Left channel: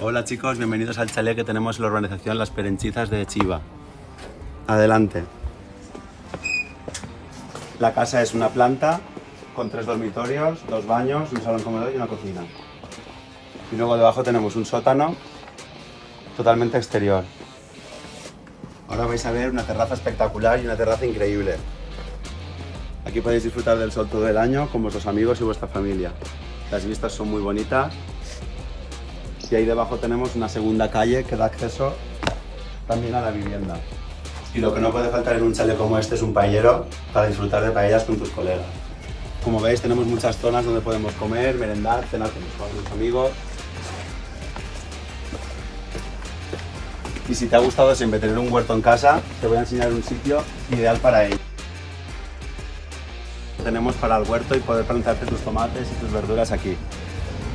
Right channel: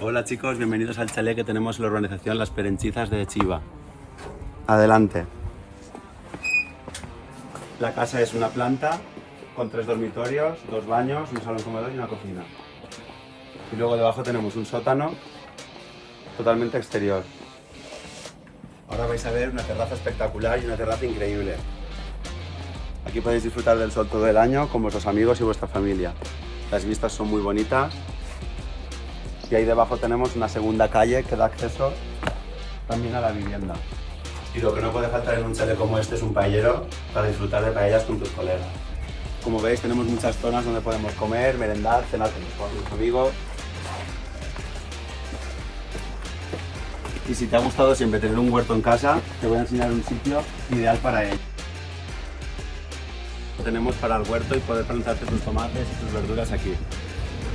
Hola chicos, bienvenidos al chalet que tenemos en la urbanización Las Perenchizas de Chiva. Adelante. La casa es una planta con 3 dormitorios, 2 baños, un salón comedor y una cocina. Y luego debajo tenemos un sótano totalmente exterior. Ahora vais a ver una terraza espectacular y una terraza increíble. Aquí podéis disfrutar del sol todo el año con vuestros amigos y vuestra familia. Las vistas son muy bonitas. Y ahí debajo tenemos una segunda calle que da acceso también a la vivienda. Y lo que no puede faltar en un chalet como este es un paellero para disfrutar de paellas con tus colegas. Como veis tenemos muchas zonas donde podemos comer, merendar, cenar con tus amigos. Y si te ha gustado siempre tener un huerto en casa, te voy a enseñar un sitio ideal para ello. Tenemos para el huerto y poder plantarte tus tomates y tus verduras aquí,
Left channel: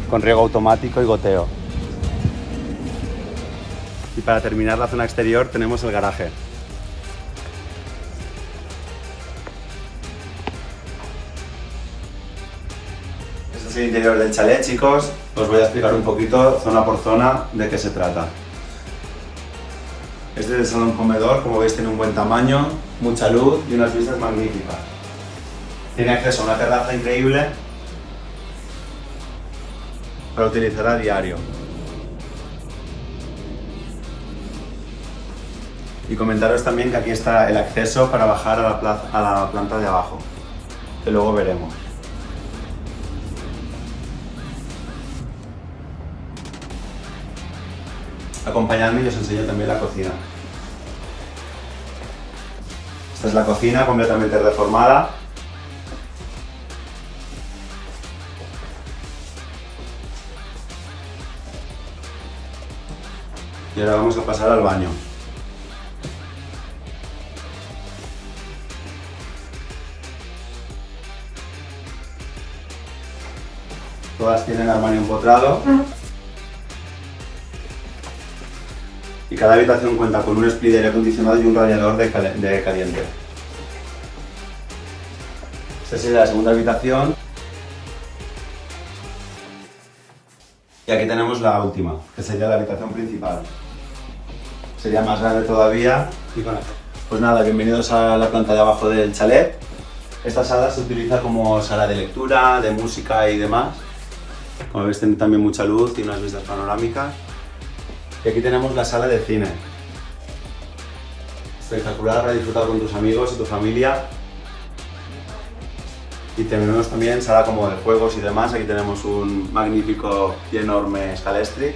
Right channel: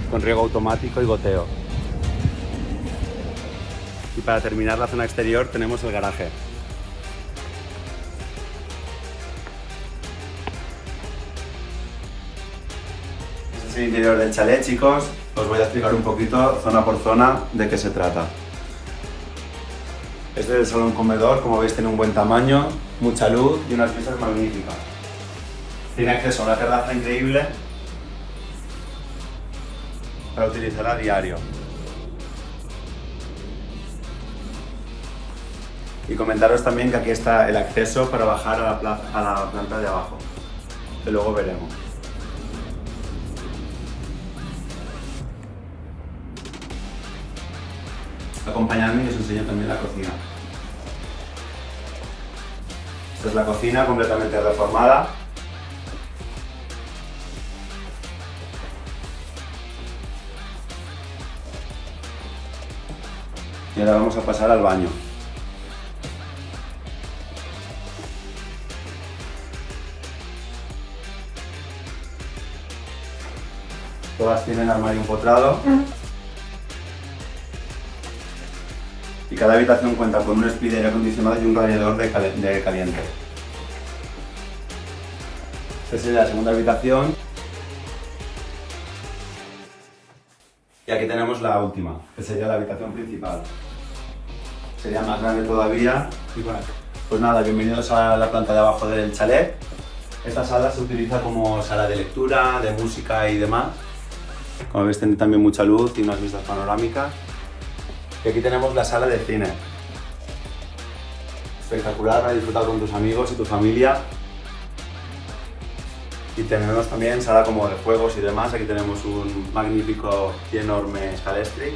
con riego automático y goteo. Y para terminar la zona exterior tenemos el garaje. Este es el interior del chalet, chicos. Os voy a explicar un poquito, zona por zona, de qué se trata. Este es el salón comedor, como veis tiene un buen tamaño, mucha luz y unas vistas magníficas. Tiene acceso a una terraza increíble para utilizar a diario. Y comentaros también que aquí está el acceso para bajar a la planta de abajo, que luego veremos. Acompañadme y os enseño también la cocina. Esta es la cocina completamente reformada. Y ahora vamos a pasar al baño. Todas tienen armario empotrado. Y cada habitación cuenta con un split de aire acondicionado y un radiador de caliente. Esta sería la segunda habitación. Y aquí tenemos la última, que sería la habitación principal. Sería más grande todavía. Y bueno, pues nada, bienvenidos a la planta de abajo del chalet. Esta sala se utiliza como sala de lectura, de música y demás. Como veis tiene también mucha luz y unas vistas panorámicas. Y aquí tenemos la sala de cine. Espectacular para disfrutar con tus amigos y tu familia. Y tenemos también sala como de juegos y demás. Aquí tenemos un magnífico y enorme Scalestri.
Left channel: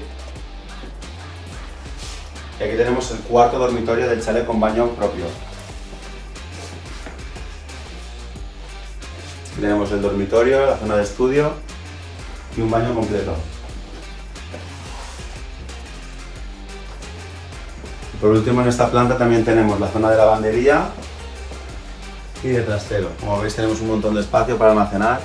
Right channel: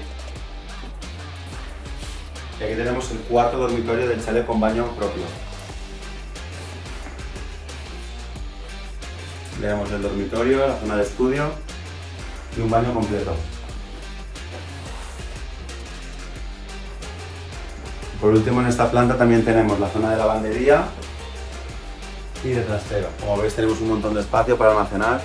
Y aquí tenemos el cuarto dormitorio del chalet con baño propio. Tenemos el dormitorio, la zona de estudio y un baño completo. Y por último en esta planta también tenemos la zona de lavandería y de trastero. Como veis tenemos un montón de espacio para almacenar